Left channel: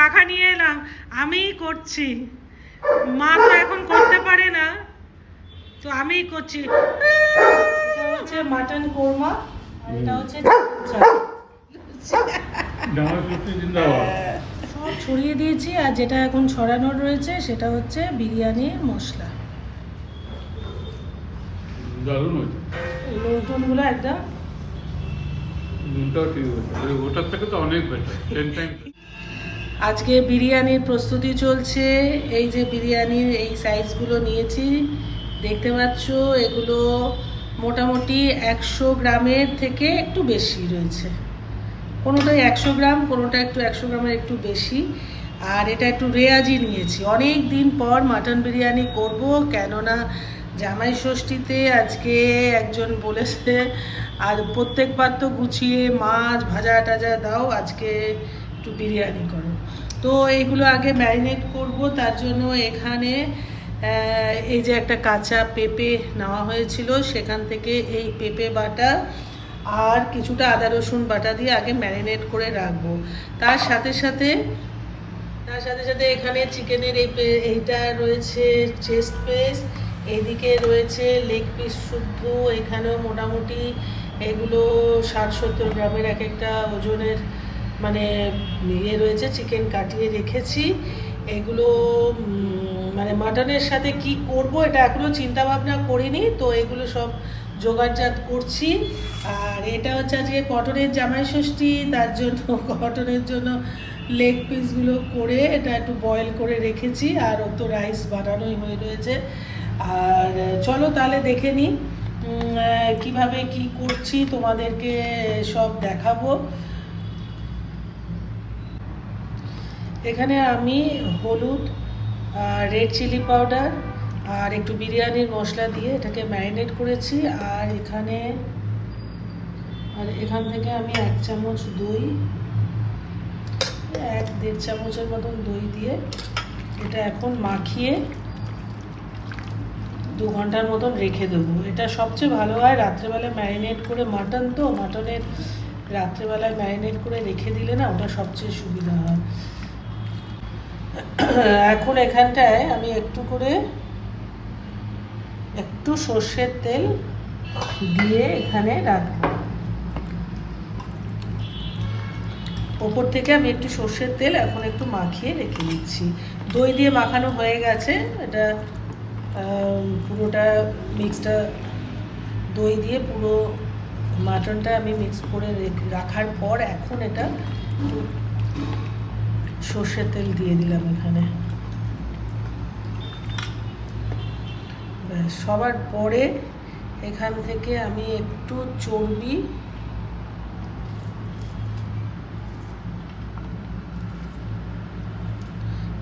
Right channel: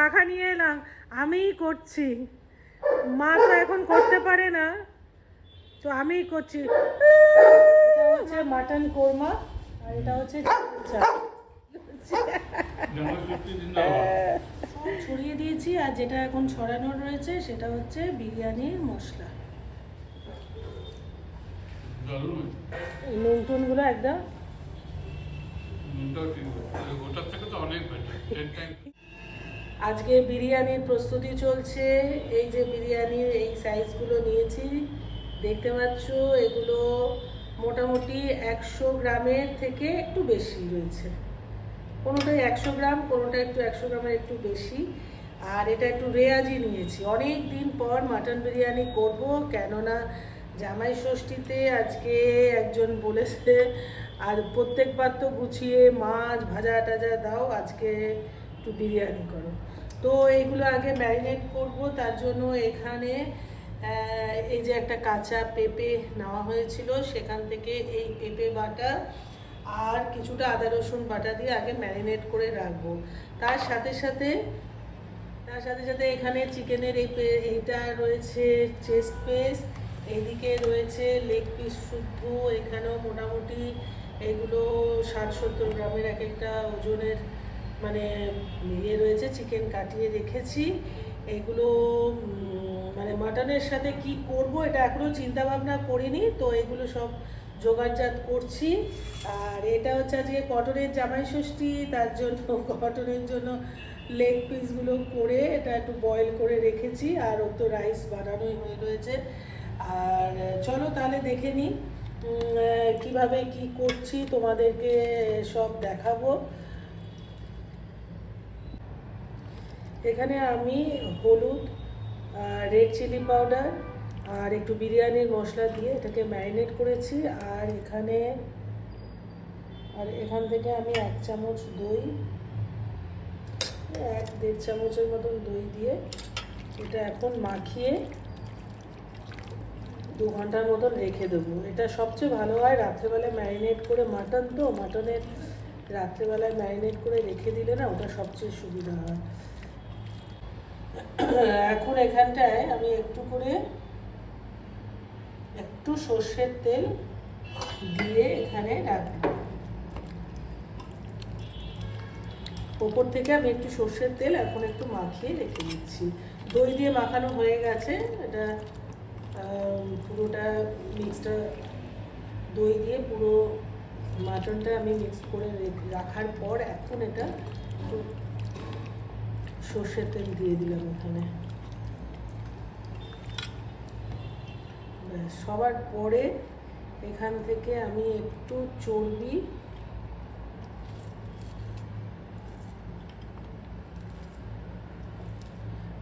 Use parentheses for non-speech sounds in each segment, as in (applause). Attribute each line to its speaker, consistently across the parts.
Speaker 1: পাখা নিয়ে এলাম আমিই করছি। মা তো এখন করতে পারে না তো আমিই করছি। হচ্ছে মাটন কোরমা এটা হচ্ছে সব ছড়িয়ে দিয়েছি আর যেটা এখন ছড়ানোর রয়েছে সেটা হচ্ছে বিরিয়ানির মশলা।
Speaker 2: দারুণ হয়েছে।
Speaker 1: নতুনগুলো একটা
Speaker 2: নুনটাও ঠিক হয়েছে। ওটার থেকে তো অনেক বেটার টেন টাইম
Speaker 1: আজকে বিরিয়ানির প্রস্তুতি চলছে। এই যে বিরিয়ানির এই সাইজগুলো নিয়েছি। দেখতে পাচ্ছ, এগুলো মোটামুটি একশো গ্রামের থেকে একটু বেশি রয়েছে। কোনোটাই একশো গ্রাম, কোনোটা একটু একশো গ্রামের একটু বেশি। আর এটা একটু রেয়াজি নিয়েছি। অনেক দিন পর মাটন বিরিয়ানি করব, কেননা জামাই ষষ্ঠীতে আজকে একজন বলেছে, আর প্রত্যেকবার তো গুছিয়ে মাছ ভাজা টাজা দাও, আজকে একটু বিরিয়ানি করো। তো এইগুলো আগে ম্যারিনেট করব, তার জন্য এখানে এই যে একটা কাঁচা পেঁপে নেওয়া হয়েছিল, সেখান থেকে এই পেঁপে বাটা আর কিছুটা আদা রসুন বাটা দিয়ে আগে ম্যারিনেট করে রাখব। তার সাথে সাথে, তার সাথে সাথে এখানে চিকেনের এই এইটা রয়েছে চেস্ট পিস এদিকে রয়েছে লেগ পিস শুদ্ধ এখানেও মোটামুটি এগুলো ষাট সত্তর গ্রামের এক একটা ওজনের মানে ইয়ে রয়েছে চিকেন কাটিয়ে রেখেছি। এগুলো মানে মাটনের সাথে কি করব এটা এখনও চিন্তা ভাবনা করিনি, তো এগুলো সব জোগাড়জাত করছি। আর এটা হচ্ছে আজকে কটনের জামাই ষষ্ঠী, তার জন্য (laughs) কটনের জন্য লেগ পিসগুলো করে এটা একটু বয়েল করে রেখেছি, আর তো রাইস বানানোই হয়ে রয়েছে। আর চলো তাহলে দেখে নিই কীভাবে কি করছি তোমাদেরকে সব দেখাবো। এখানে আমি হলুদ রেড চিলি পাউডার আর একটু বিরিয়ানির মশলা দিয়ে এটাকে ম্যারিনেট করেছি। আর এখানে, আর এখান থেকে আমি এক চামচ দই, এক দেড় চামচের মতন দই দিয়ে এটা এখন মাখিয়ে দু ঘণ্টার মতন রেখে দেবো। এটা সবচেয়ে ভালো হয়, রাত্রেবেলায় ম্যারিনেট করে মাটন তো মাটনের রাত্রেবেলায় ম্যারিনেট করে রেখে দিলে না ওটা সবচেয়ে সুবিধা হয়। (coughs) এখন এখানটায় আমি একটু করে একটু সর্ষের তেল দিয়ে এখানে রাখব। ওপর থেকে আমি একটু সর্ষের তেল এখন একটু মাখিয়ে রেখে দিচ্ছি। দই দিয়ে মাখানো হয়ে গেছে। এটা পুরোটা মিক্সটা দই দিয়ে পুরো মাটনটা আমি মিক্স করে রেখে- রাখার পর এখন এটা সর্ষের তেল দিয়ে দিলাম এখানে। সবার পরে এখান থেকে আমি একটু চর্বি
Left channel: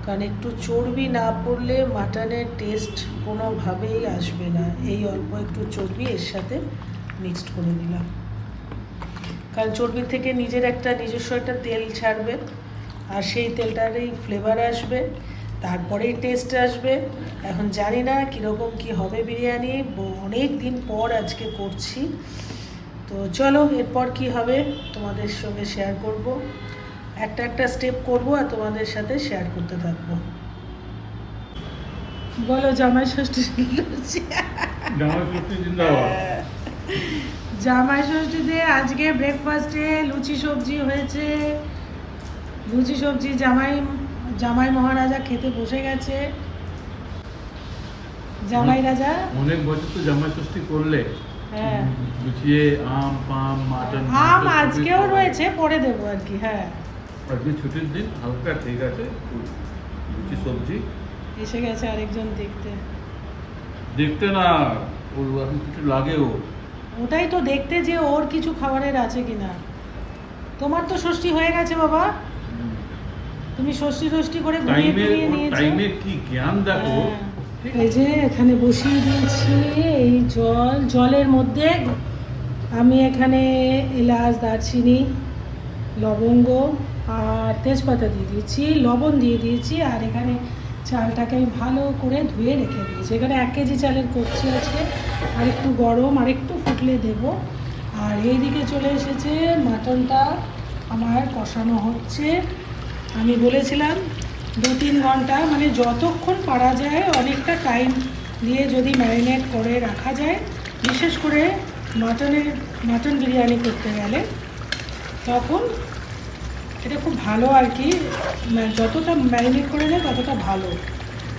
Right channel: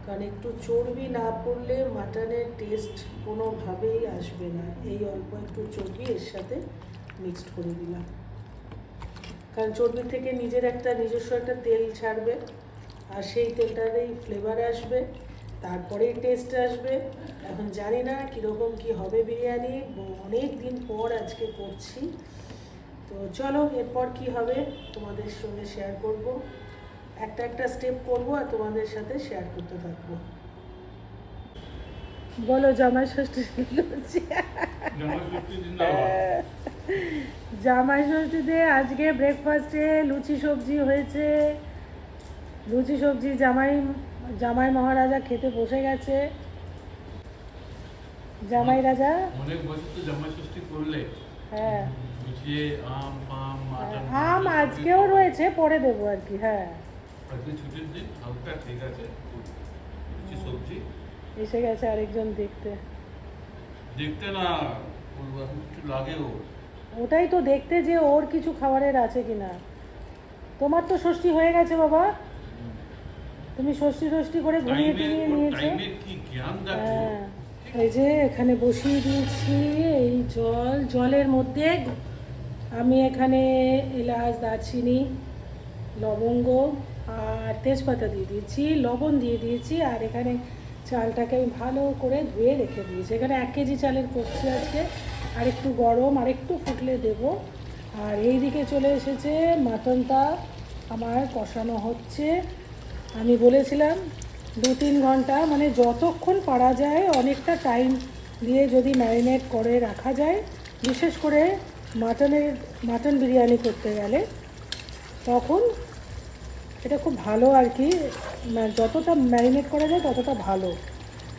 Speaker 1: কারণ একটু চর্বি না পড়লে মাটনের টেস্ট কোনোভাবেই আসবে না। এই অল্প একটু চর্বি এর সাথে মিক্সড করে দিলাম কারণ চর্বির থেকে নিজের একটা নিজস্ব একটা তেল ছাড়বে। আর সেই তেলটারই ফ্লেভার আসবে তারপরেই টেস্ট আসবে। এখন জানি না কীরকম কি হবে বিরিয়ানি অনেক দিন পর আজকে করছি। তো চলো এরপর কি হবে তোমাদের সঙ্গে শেয়ার করব। একটা একটা স্টেপ করব আর তোমাদের সাথে শেয়ার করতে থাকব। বলো জামাই ষষ্ঠী
Speaker 2: জামাই
Speaker 1: জামাই ষষ্ঠীতে আজকে ব্রেকফাস্টে লুচি সবজি হয়েছে। লুচি সবজি জামাই জামাই মহারাজা খেতে বসে গেছে। জামাই রাজা।
Speaker 2: অনেক বছর তো জামাই ষষ্ঠী করলে।
Speaker 1: হ্যাঁ।
Speaker 2: গুছিয়ে আম পাম মাটন
Speaker 1: আম আজকেও রয়েছে পরে দেবো আর কি হ্যাঁ।
Speaker 2: আজকে ছুটির দিন হালকা ঠিক আছে লুচি সবজি।
Speaker 1: এসে গেছে আরেকজন দেখতে।
Speaker 2: দেখতে না ওর এখন কিছু লাগেও।
Speaker 1: ওটাই তো দেখতে যে ওর কিছু খাবারের আছে কিনা। তোমার তো ষষ্ঠী হয়ে গেছে বাবা। তুমি ষষ্ঠী ষষ্ঠী করে
Speaker 2: ওর। টাইমের কি জ্ঞান দেখো
Speaker 1: হ্যাঁ। এই যে এখানে বসিয়ে দিয়েছি এই জল জলের মধ্যে আমি এখানে এলাচ দারচিনি লবঙ্গ আর তেজপাতা দিয়ে দিয়েছি লবণ দিয়ে দিয়েছি আর এখানে চালটাকে আমি ভালো করে ধুয়ে রেখে দিয়েছি এখানে এক কেজি চালের করছি আজকে আর একটু গরম আর একটু ফুটলে দেব আর এই দিকে চলে এসেছে মাটনটা আমার কষানো হচ্ছে আমি বলেছিলাম দু তিন ঘণ্টা মানে যতক্ষণ পারা যায় অনেকটা টাইম দিয়ে যদি ম্যারিনেট করে রাখা যায়, বিশেষ করে মাটনের, মাটন বিরিয়ানি করতে গেলে, তখন এটা খুব ভালো আর কি যতটা ম্যারিনেট করে যায় ততটা ভালো।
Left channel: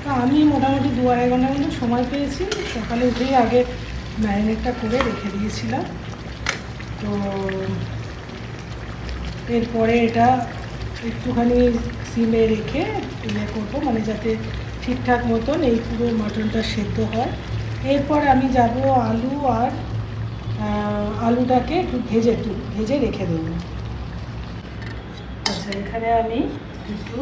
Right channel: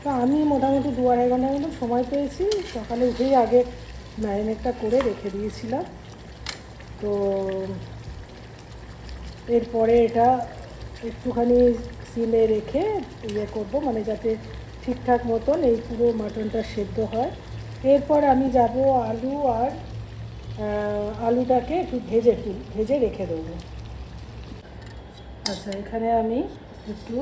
Speaker 1: তো আমি মোটামুটি দু আড়াই ঘণ্টার মতো সময় পেয়েছি, সকালে উঠেই আগে ম্যারিনেটটা করে রেখে দিয়েছিলাম। তো এরপরে এটা একটুখানি সিমে রেখে ইয়ে করব মানে যাতে ঠিকঠাক মতন এই পুরো মটনটা সেদ্ধ হয়। এরপর আমি যাব আলু আর আলুটাকে একটু ভেজে একটু ভেজে রেখে দেবো। আচ্ছা এখানে আমি একটু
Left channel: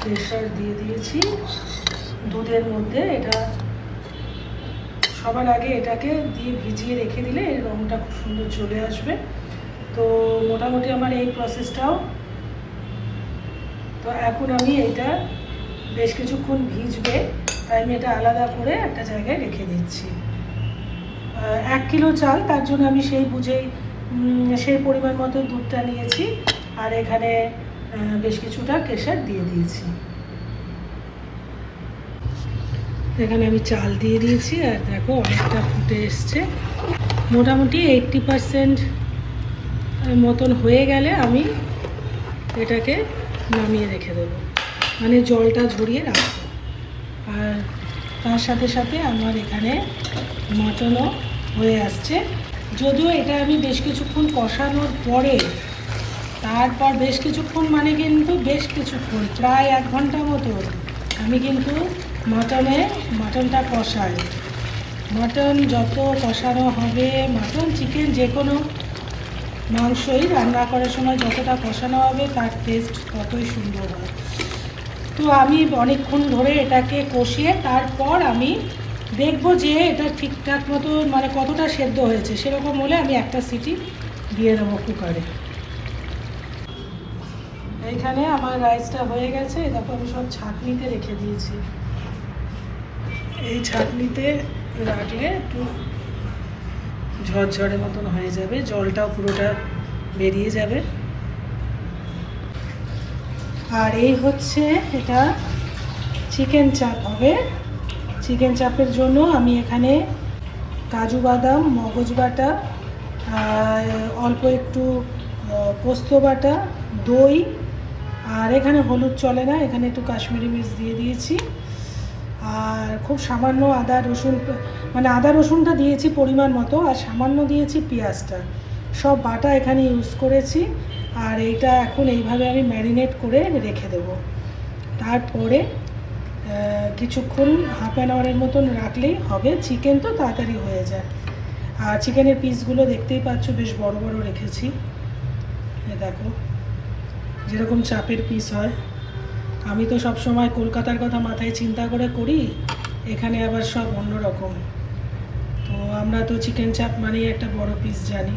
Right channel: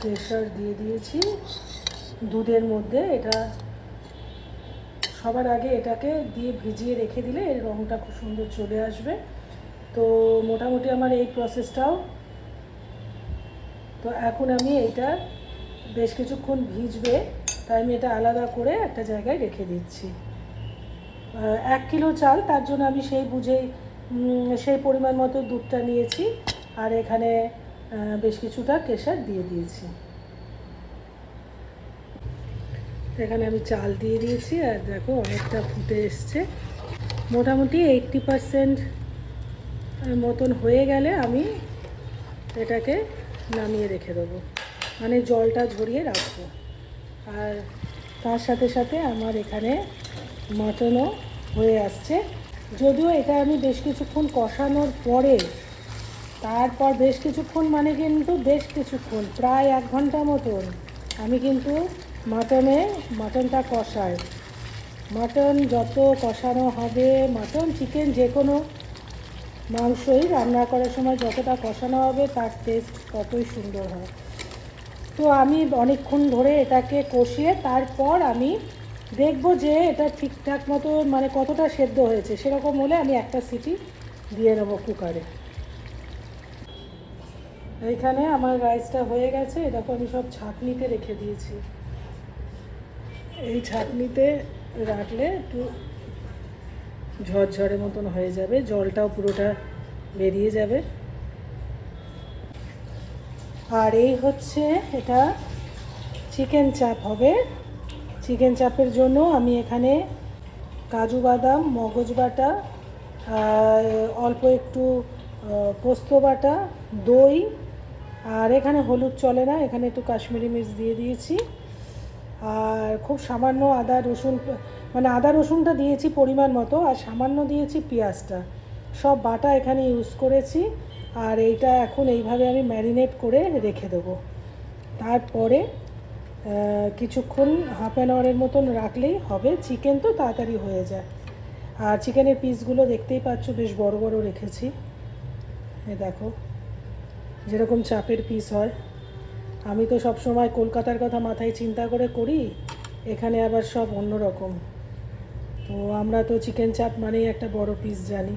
Speaker 1: প্রেশার দিয়ে দিয়েছি। দুধের মধ্যে এটা সবার আগে এটাকে দিয়ে ভিজিয়ে রেখে দিলে এর রঙটা খুব সুন্দর চলে আসবে। তো মোটামুটি আমার এই প্রসেসটাও তো এখন আমি এটা বেশ কিছুক্ষণ ভিজবে, তাই আমি এটা আলাদা করে একটা জায়গায় রেখে দিচ্ছি। এক কিলো চাল, তার জন্য আমি সেই বুঝেই সেই পরিমাণ মতো দুধটা নিয়েছি আর এখানে বেশ কিছুটা কেশার দিয়ে দিয়েছি। এখানে আমি চাল দিয়ে দিয়েছি আর দেখো অনেকটা ফুটে এসছে। মোটামুটি এইট্টি পারসেন্ট মতন হয়ে গেলে আমি এটাকে নামিয়ে রেখে দেবো। মানে জলটা ঝরিয়ে রাখব। আর তার সাথে সাথে আমার এখানে মটনও হয়ে আসছে। যদিও এটা আমি বেশ কিছুক্ষণ কষানোর পরে, তারপর বেশ কিছুক্ষণ মানে কিন্তু বেশ কিছুক্ষণ, প্রায় এক ঘণ্টা মতো আমি কিন্তু মাটনে, মাটনটা কষাই। মাটন যত কষানো হবে, মাটন, চিকেন যে কোনো মাংসই রান্না করার সময় যতটা কষানো হবে তার টেস্ট ততই সুন্দর হয় তো আমি অনেকক্ষণ ধরে এটাকে কষিয়ে তারপর আমি দেখব যে এটা ঠিকঠাক মতো মানে কতটা সেদ্ধ হয়েছে। সেরকম হলে আমি একটা সিটি দিয়ে দেবো কুকারে। এইখানে আমার রাইসটা হয়ে গেছে। দেখো আমি সব ছাঁকনিতে রেখে দিয়েছি। এই ছাঁকনিতে রাখলে একটু ঝরঝরে মতন হয়ে যাবে, জলটাও পুরোটা বেরিয়ে যাবে। আর এই হচ্ছে এটা চিকেন চাপ হবে। চিকেন চাপের জন্য আমি এখানে কাজু বাদাম, মগজ বাটা অল্প একটু পোস্ত বাটা, দই, আর এখানে হলুদ চলে না, এখানে একটু কাশ্মীরি মির্চ দিয়ে দিয়েছি। আর খুব সামান্য আদা, রসুন মানে আদা, রসুনটা দিয়েছি পরিমাণ মতো আর সামান্য দিয়েছি পেঁয়াজটা। সব বাটা এখানে ইউজ করেছি আর এইটা এখন এইভাবে আমি ম্যারিনেট করে রেখে দেবো। তারপরে কিছুক্ষণ হাফ অ্যান আওয়ারের মতন রাখলেই হবে। চিকেন তো তাড়াতাড়ি হয়ে যায়। আর চিকেনের পিসগুলো দেখতেই পাচ্ছ বেশ বড় বড় রেখেছি। দেখো, যেরকম চাপের পিস হয়। আমি তো সব সময় কলকাতার কথা মাথায় চিন্তা করে করি, এখানে আবার সব অন্যরকম। তো আমরা তো চিকেন চাপ মানেই একটা বড় পিস জানি।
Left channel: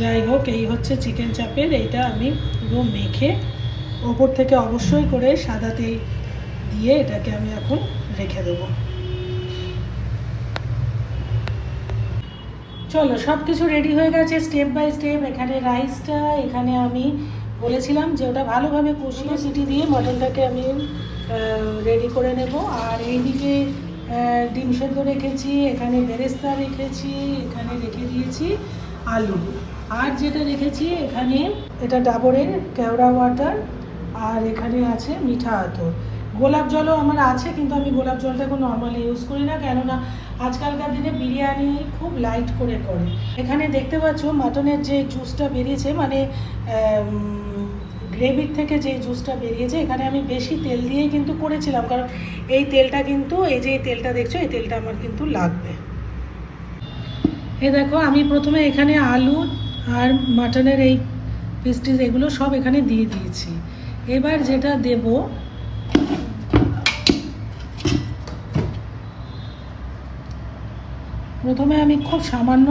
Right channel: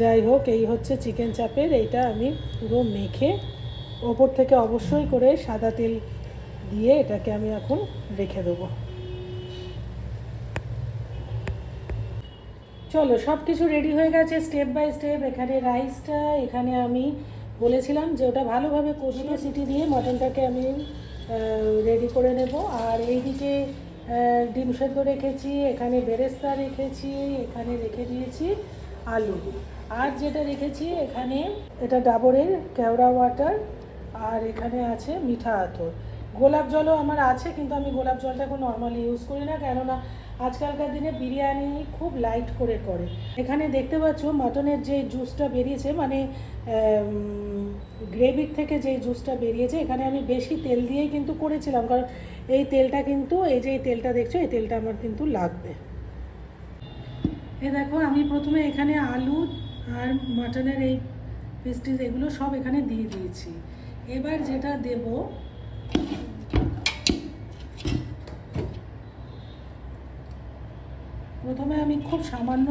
Speaker 1: যাই হোক, এই হচ্ছে চিকেন চাপের এইটা আমি পুরো মেখে ওপর থেকে অবশ্যই করে সাদা তেল দিয়ে এটাকে আমি এখন রেখে দেবো। চলো সব কিছু রেডি হয়ে গেছে স্টেপ বাই স্টেপ এখানে রাইসটা এখানে আমি বলেছিলাম যে ওটা ভালোভাবে কষিয়ে সিটি দিয়ে মটনটাকে আমি রেডি করে নেব। আর এইদিকে ডিম সেদ্ধ রেখেছি, এখানে বেরেস্তা রেখেছি, এখানে রেখে দিয়েছি আলু। আর যেটা রেখেছি এখানে, এটা ডাবরের কেওড়া ওয়াটার আর এখানে আছে মিঠা আতর। গোলাপ জলও আমার আছে, কিন্তু আমি গোলাপ জলটা এখন নর্মালি ইউজ করি না, কেননা আজকালকার দিনে বিরিয়ানি খুব লাইট করে করে। এখানে দেখতে পাচ্ছ মাটনের যে জুসটা বেরিয়েছে মানে গ্রেভির থেকে যে জুসটা বেরিয়েছে, এখানে আমি বেশি তেল দিয়েই কিন্তু করেছিলাম, কারণ এই তেলটা কিন্তু, এই যে তেলটা দেখছ, এই তেলটা আমার কিন্তু লাগবে। এ দেখো, আমি প্রথমে এখানে আলু আর মাটনের এই পিসটিস এগুলো সব এখানে দিয়ে দিয়েছি। এবার যেটা দেব প্রথমে আমি খুব সামান্য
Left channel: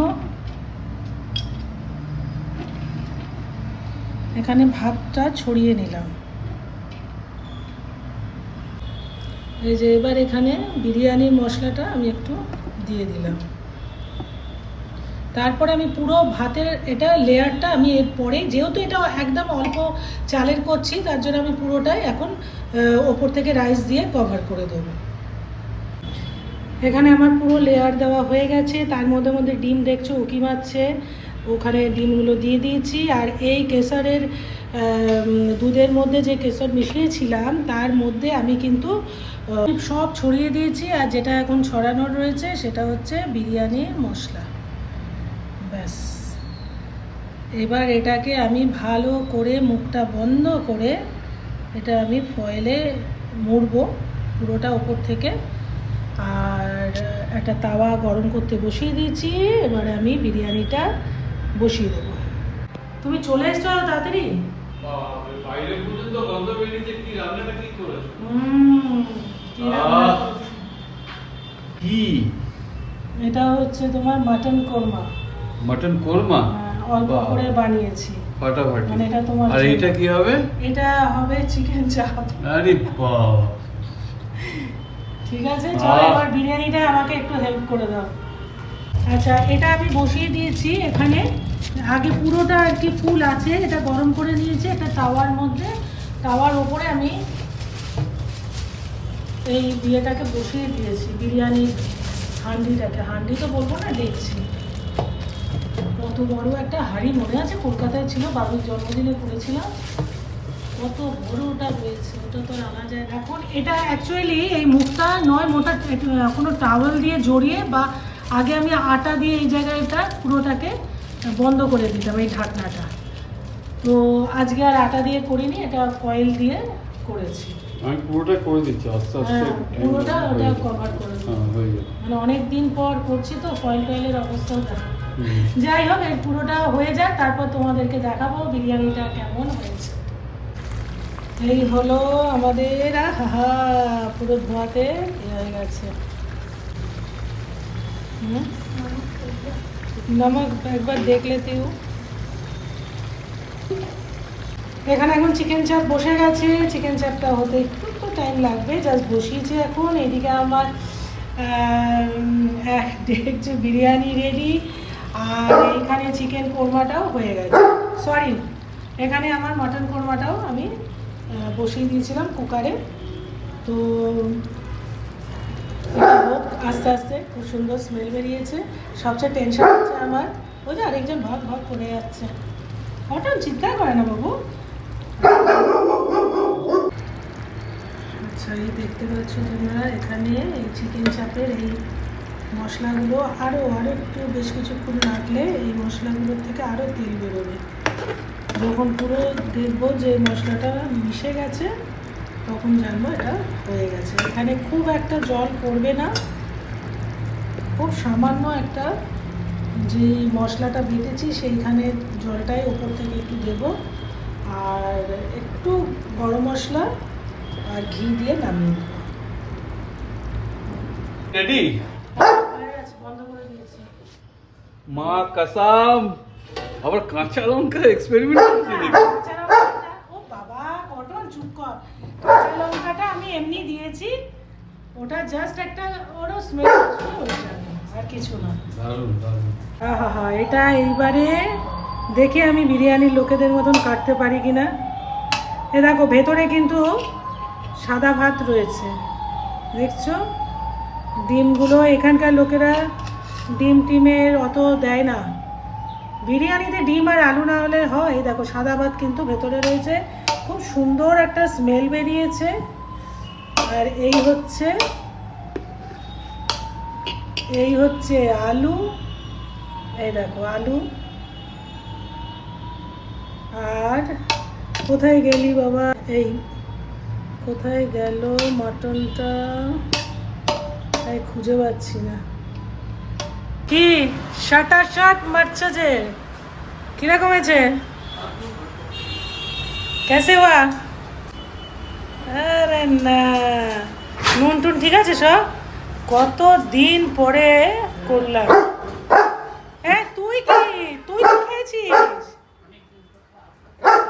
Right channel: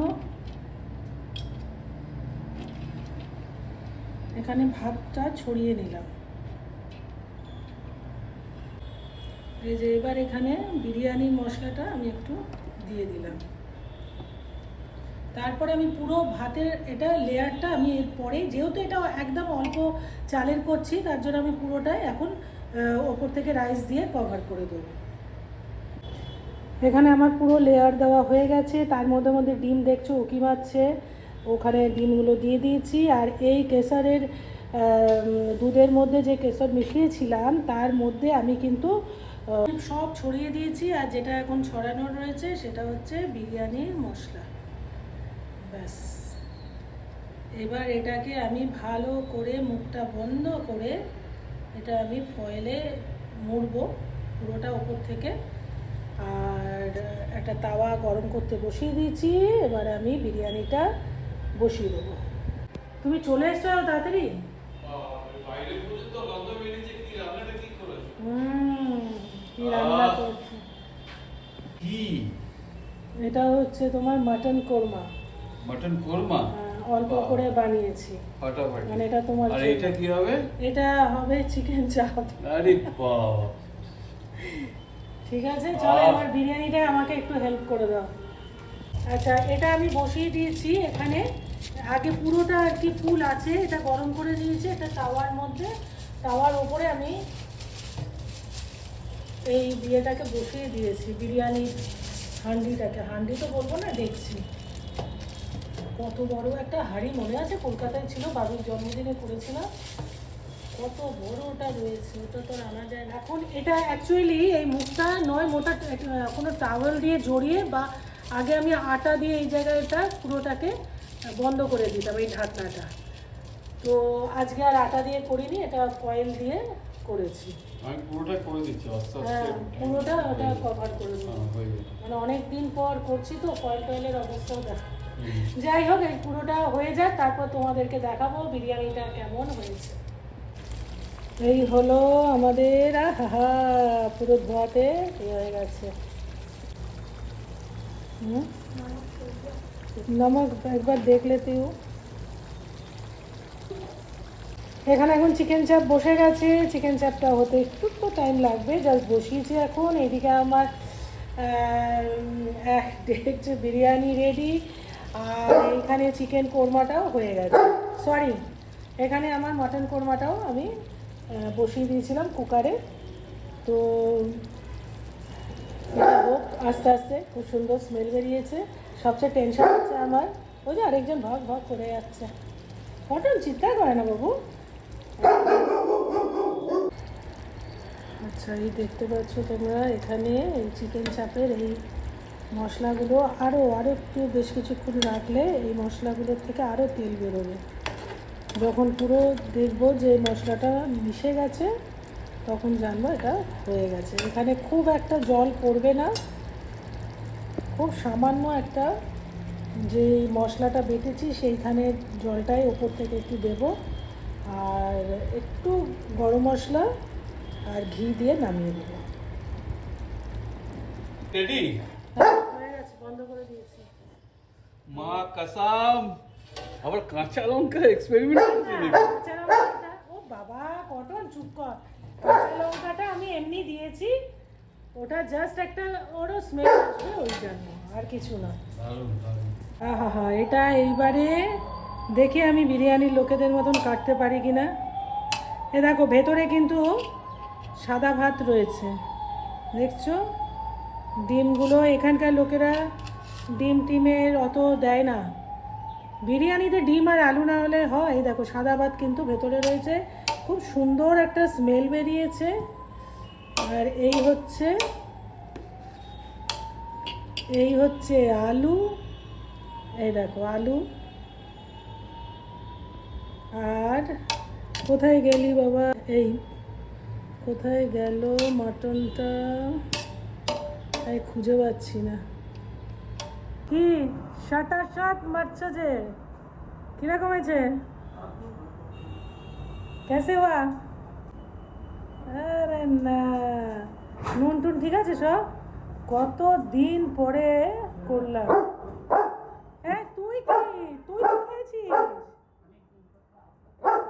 Speaker 1: এখানে ভাতটা ছড়িয়ে নিলাম। এই যে এবার এখানে বিরিয়ানির মশলাটা আমি একটু দিয়ে দিলাম। তারপরে আমি পুরো ভাতের এটা লেয়ারটা আমি এর পরে যেহেতু এটা একদম অল্প চালের করছি তার জন্য আমি পুরোটাই এখন ওপর থেকে রাইস দিয়ে কভার করে দেবো। এখানে আমার পুরো লেয়ার দেওয়া হয়ে গেছে। তার মধ্যে মধ্যে ডিম দেখছ, উকি মারছে। ওখানে ডিমগুলো দিয়ে দিয়েছি। আর এই কেশরের দুধের মধ্যে যে কেশর মিশিয়েছিলাম, তার মধ্যে আমি কিন্তু সব ছড়িয়ে দিয়েছি। আর যেটা এখন ছড়ানোর রয়েছে, সেটা হচ্ছে বিরিয়ানির মশলা। ব্যাস। এবার এটাকে আমি ভালো করে মুখটা বন্ধ করে, এটা আমি ফয়েলে মুড়বো, পুরোটা ওপর থেকে। আর একটা তাওয়া গরম করতে বসিয়ে দিয়েছি এবারে আমি বিরিয়ানিটা বসিয়ে দেবো। তুমি চলে এসছো তাড়াতাড়ি?
Speaker 2: বাইরে পর্যন্ত গন্ধ বেরিয়েছে কি রান্নাটা কি করেছ?
Speaker 1: কি রান্না
Speaker 2: আহ।
Speaker 1: করছ?
Speaker 2: কি?
Speaker 1: এটা হচ্ছে তোমার মাটন কোরমা।
Speaker 2: মটন কোরমা?
Speaker 1: অল্প করে বানিয়েছি।
Speaker 2: ফাটাফাটি।
Speaker 1: মানে এটা তোমার
Speaker 2: আর এটা কি হবে?
Speaker 1: এটা হবে চিকেন চাপ।
Speaker 2: আরে বাহ
Speaker 1: ঠিক আছে? চলো। এবার বিরিয়ানিটা আমাকে একটু হেল্প করে দাও। আচ্ছা এটা আমি বসিয়ে দিয়েছি এখানে। আগে পুরোটা আর কি ফুল আছে এটা গরম করে নিয়েছি একটা তাওয়ার মধ্যে। তাওয়ার উপরে আমি এই বিয়েটাকে বসিয়ে দিয়েছি বিরিয়ানি হান্ডিটাকে। হান্ডি তো বলব না দেখছি। কত বড় একটা হাঁড়ি মনে আছে কলকাতায় ছিল বাবুর জন্মদিনে করেছিলাম। কত বড় ওটা রয়েছে ওটা তো আনা যায় না। এখন এটা অ্যাকচুয়ালি এই মুখটা নয় মোটা কোনো টাওয়েল দিয়ে জড়িয়ে বা আগে আমি আটা দিয়ে এই জায়গায় এটা পুরোটাকে বন্ধ করে দিতাম এই ঢাকনাটা। তো আজকে আর আটা দিয়ে করিনি এটা ফয়েল দিয়ে করেছি।
Speaker 2: আমি পুরোটা করে দিচ্ছি আস্তে আস্তে
Speaker 1: হ্যাঁ, পুরোটা ওটা কভার করে
Speaker 2: হ্যাঁ
Speaker 1: মানে অনেক দিন পর করছি তো ফয়েল টয়েলের অবস্থাও দেখা। যাই হোক এই পুরোটা হয়ে যাক তারপর তোমাদেরকে দেখাবো বিরিয়ানিটা কেমন হয়েছে। এই হলো আমাদের আহা পুরো ধোয়াতে হয়ে গেছে? নমক একবার দেখলে হো এখানে এখন চিকেন চাপ বসে গেছে। চিকেন চাপটা হতে একটু তো টাইম লাগবে জাস্ট বসিয়েছি এখন। এদিকে আমার আম, এক ডেকচি বিরিয়ানি রেডি আর এখানে চিকেন কোরমাটাও হয়ে গেছে। সরি এখানে আমার মটন কোরমাটাও আমি বসিয়ে দিয়েছিলাম কুকারে। তো আস্তে আস্তে খুব সুন্দর স্মেল বেরিয়েছে। সবচেয়ে টেনশন হচ্ছে আমার। ওই যে আরেকজন ভক ভক করে যাচ্ছে। মটন চিন্তা করে না বাবু। আচ্ছা এই দেখতে পাচ্ছ তোমরা, এখানে এই চিকেন চাপের এই মশলাগুলো আরও আরও একটু বেশ কিছুক্ষণ রাখলে এই মশলাগুলোর থেকে আরও তেল বেরোবে। যখন পুরো দেখব যে মশলাটা মিশে গেছে তখন জানব এটা হয়ে গেছে। এখানে খুব একটা জল পড়বে না। খুব সামান্য একটা যে মশলাটা বেটেছি সেইখানে জলটাই ওপর থেকে একটু দেবো। আর একটু গরম মশলা আর ঘি দিয়ে নামিয়ে দেবো।
Speaker 2: রেডি মা কসাম। আবার কাঁচা লঙ্কা এক্সপেরিমেন্ট
Speaker 1: ও বাবা কটন চুপ কর। কাঁচা লঙ্কাটা আমি এমনি দিয়েছি ওটা জাস্ট একটা ওরও স্মেল আর কিছু না।
Speaker 2: দারুণ দারুণ।
Speaker 1: আহা হা এটা এইবারে দেখি আমি বিরিয়ানির লোকেদের মতন কাটতে পারি কিনা। এ দেখো ভেতরে কিন্তু সাদা ভাত রয়েছে। দেখছ? ডিমগুলো এখানকার লোকেরা ডিম টিমের অত দেয় না। বিরিয়ানিতে ডিম আর আলু না হলে হয়। দেখো, সাদা ভাত কিন্তু ভেতরে রয়েছে। খুব সুন্দর একটা স্মেল বেরিয়েছে। আর এই হচ্ছে এই হচ্ছে আলু। এই দেখো, আলু। আর কোথায় গেলি বাবা? এই, কোথায় গেল মটনটা? তাই খুঁজে পাচ্ছি না। কি? শাটা শাট মারছে যে। কীরকম হয়েছে? কেসে হুয়া আরে না। নুন টুন ঠিক আছে সব? কত দিন পরে করলাম। হ্যাঁ তুই কি? তুই তো খেয়েছিস।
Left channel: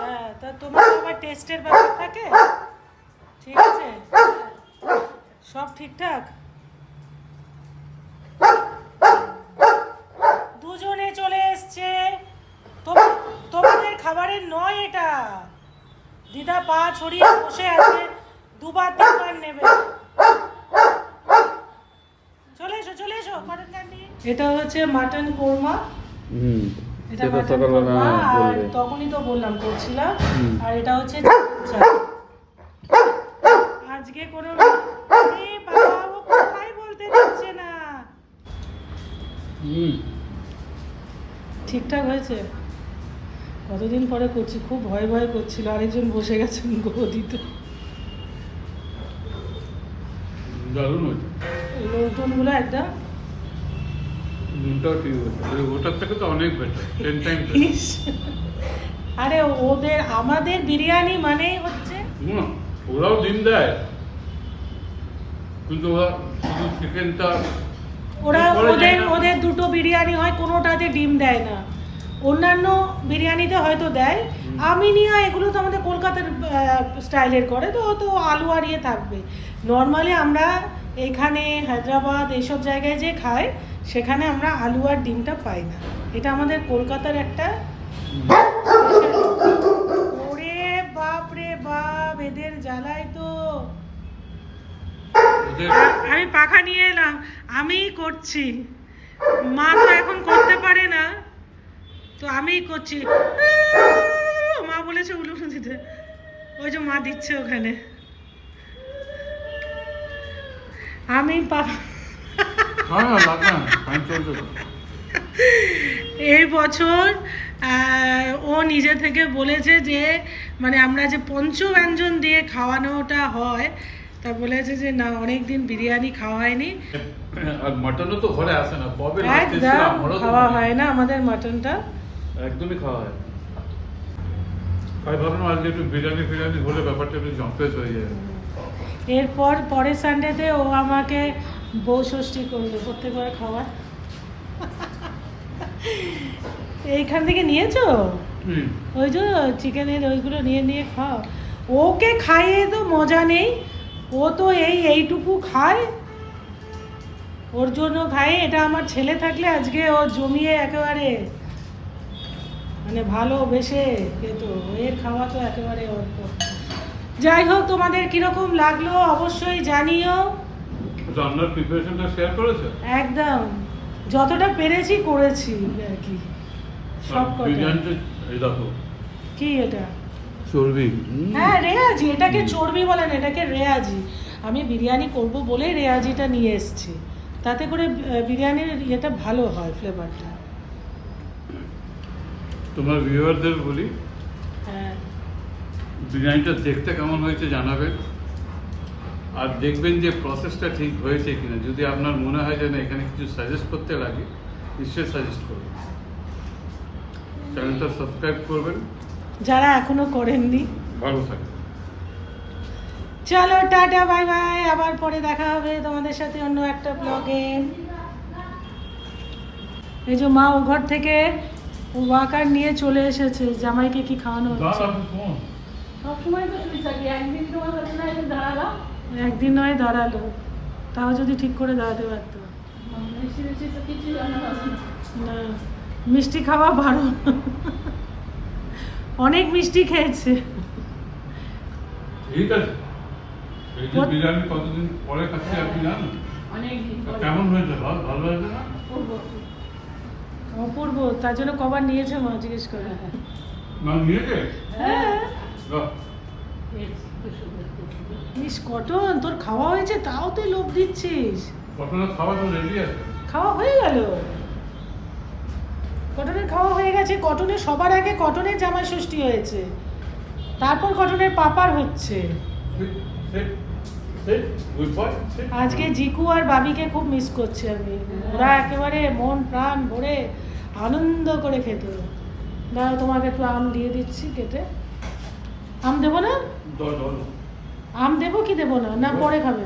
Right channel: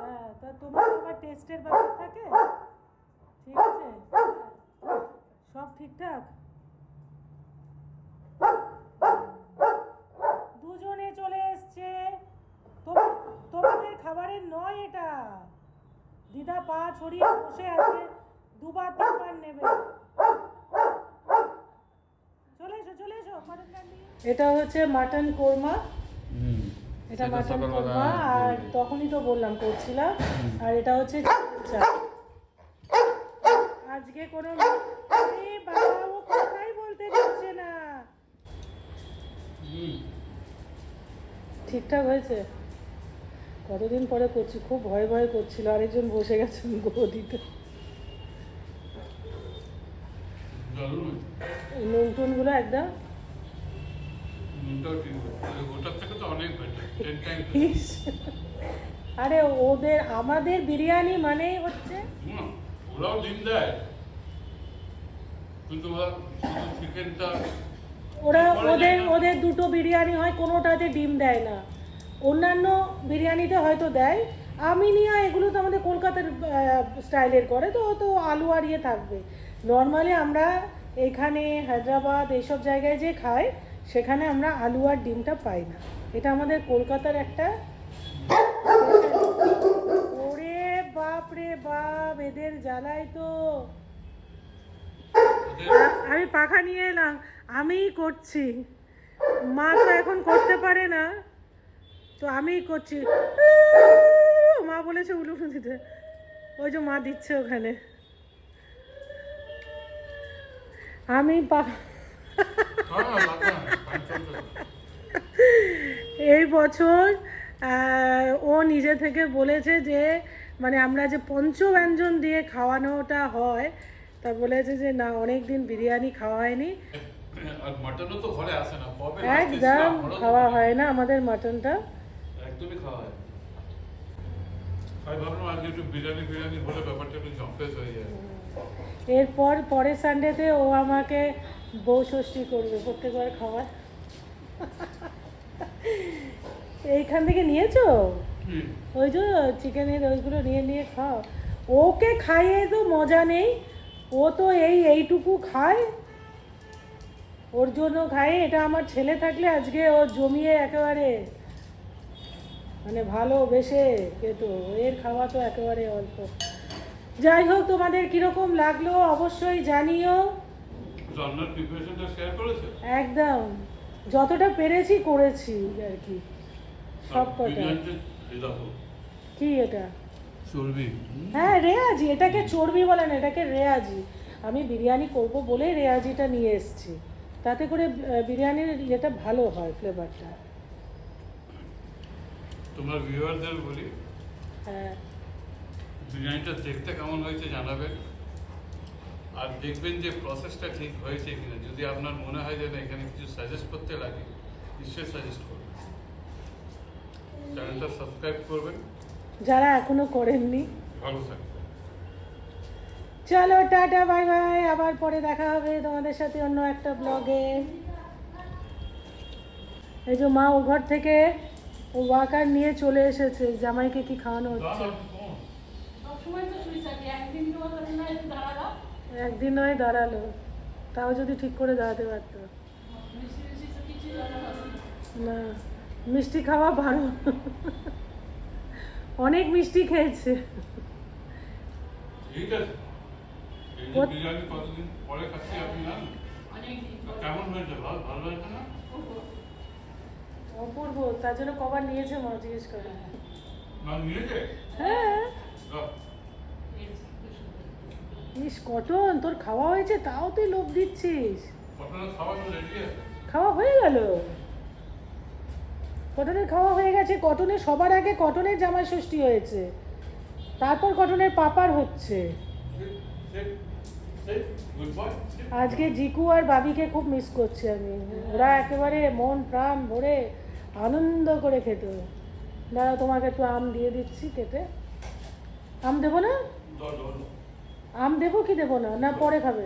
Speaker 1: হ্যাঁ তা তোমার আবার টেস্টের ব্যাপার থাকে। ঠিক আছে। সব ঠিকঠাক দুজনে চলে পা ছড়িয়ে বসে আছে দুবার তিনবার নেবে চলে এসো চলে এসো মাটন কান্ডি এটা হচ্ছে মাটন কোরমা।
Speaker 2: হুম
Speaker 1: এটা
Speaker 2: সেটা সকালবেলা
Speaker 1: আর তখনই তো বললাম করছিলাম
Speaker 2: হুম।
Speaker 1: আর এটা হচ্ছে আজকে কোনো ঠিকঠাক হয়েছে? কতদিন পরে করছি খুব ভয় ভয় করছিল আরেকজন বসে গেছেন গদিতে
Speaker 2: দারুণ হয়েছে।
Speaker 1: একটা
Speaker 2: নুনটাও ঠিক হয়েছে ওটার থেকে তো অনেক বেটার টেন টাইম
Speaker 1: আরে ওদের আমাদের বিরিয়ানি মানেই হচ্ছে
Speaker 2: ওরাও ডিম দেয়। কিন্তু ওরা শুধু চিকেনটা
Speaker 1: ওরা ওদের ওদের দুটো বিরিয়ানি হয় কোনোটাতে ডিম দেয় না। অন্যান্য বিরিয়ানিতে হয়তো দেয়। আমিনিয়া এগুলো তো আমাদের কলকাতার স্টাইলের করে তো তো আলু আর ইয়ে থাকবে। নর্মালি আমরা এখানে হায়দ্রাবাদ এইসব জায়গায় যে খাই সেখানে আমরা আলু আর ডিমটা পাই না। এটা আমাদের কলকাতার একটা ওরে বাপ রে বাপ এদের জ্বালায় তো। আমি পাখা নিয়ে এলাম আমিই করছি। মা তো এখন করতে পারে না তো আমিই করছি। মা বলেছে উলুন দিতে ওই যে মা দিচ্ছে ওখানে। আমি পাখা এই বছর ও নিজে থেকে বলেছে যে মানে আমরা যে পঞ্চব্যঞ্জন দিয়ে খাওয়ানোটা হয় তা বলেছে যে না অনেকদিন বিরিয়ানি খাওয়া হয়নি।
Speaker 2: আর মাটনও তো ঘরে আসে না কবে লাস্ট এসেছিলাম
Speaker 1: খাওয়া হয়। না আমাদের মাটনটা
Speaker 2: একদমই খাওয়া হয়। তাই ভাবলাম আজকে একটু বিরিয়ানি ফিরিয়ানি হলে ব্যাপারটা একটু জম্পেস হয়ে যায়।
Speaker 1: এরপর পরের সানডেতে ও আমাকে বউ ষষ্ঠী করবে প্রত্যেকবার খাওয়ায়। এইখান থেকে নিয়েছো? ওই যে চিকেনের ওইগুলো নিয়ে নিয়ে খাও। ওকে খাইয়ে তো মজা নেই। ও তো এই এইটুকু খায়। ওর জন্য খায়। এটা আমার ছেলে থাকলে আজকে ও জমিয়ে একেবারে মানে ভালোবেসে খেত এর খাওয়া তো একেবারে অল্প যাই হোক তোমাদের কীরকম লাগল অবশ্যই জানিও।
Speaker 2: রান্নার প্রিপারেশনটা শেয়ার করেছে?
Speaker 1: একদম। যতটা পেরেছি করেছি আর কি। সব
Speaker 2: এই দেখো।
Speaker 1: কি এটা?
Speaker 2: চর্বি।
Speaker 1: হ্যাঁ রেয়াজি। এটাকে চর্বি এটাকে রেয়াজি। আমি বিরিয়ানি করব বলে রেয়াজিটা নিয়ে এসেছি। তাতে করে বিরিয়ানির ইয়েটা ভালো হয় ফ্লেভারটা
Speaker 2: তোমার ভিউয়ারদের বলি
Speaker 1: হ্যাঁ।
Speaker 2: বিরিয়ানিটা দেখতে কেমন হয়েছে জানাবেন। আর দেখবেন যে প্রসেসটা ঠিক হয়েছে কিনা। যদি আপনার মনে হয় যে না এখানে কিছু সাজেস্ট করতে লাগে নিশ্চয়ই সাজেস্ট করবেন। চ্যানেলটা সাবস্ক্রাইব করবেন।
Speaker 1: যারা এখনও করেননি।
Speaker 2: ভালো থাকবেন।
Speaker 1: চলো টাটা বাই বাই। আবার পরে দেখা হবে তোমাদের সাথে অন্য একটা ব্লগে এই যে মা ও ঘর থেকে ও ওয়াকার নিয়ে চলে এসেছে। জামাইকে কি খাওয়ানো হচ্ছে?
Speaker 3: সবসময় তো শুয়ে থাকি। একদিন তোমার কাছে না একদিন দাঁড়ালাম।
Speaker 1: একদিন নয় দাঁড়াল। তাও যদি ঠিক করে দাঁড়াতে পারতো।
Speaker 3: না
Speaker 1: মিষ্টি খাওয়া বারণ। অনেক মিষ্টি খেয়েছে।
Speaker 2: ঠিক আছে। এই যে বিরিয়ানি কতদিন পরে খাচ্ছি আপনি জানেন? কেমন হয়েছে? ভালো ভালো হয়েছে না?
Speaker 1: অপূর্ব তার জন্য কবার নিয়েছে মা জিজ্ঞেস করে।
Speaker 3: হ্যাঁ,
Speaker 2: না নিয়েছে?
Speaker 3: হ্যাঁ।
Speaker 1: ইস কটন তোর খাওয়া হয়েছে? তাও তুই লোভ দিচ্ছিস।
Speaker 2: খাওয়া তো রেডি আছে।
Speaker 1: খাওয়া হয়ে গেল। কটনের খাওয়া হয়ে গেছে। কটনের সবার আগে কটনের ষষ্ঠী হয়েছে। তারপর কটনের পাপার হচ্ছে. আজকে জিকু আর বাবিকে খুব মিস করছি আমি। ওরা একেবারে মন প্রাণ ভরে আনন্দ করে খেত দাঁড়াও তোমাকে একটু আম দিয়ে দিচ্ছি কেটে। আম দেবো না। আম দেবো কি দেবো না না পরে খাবে।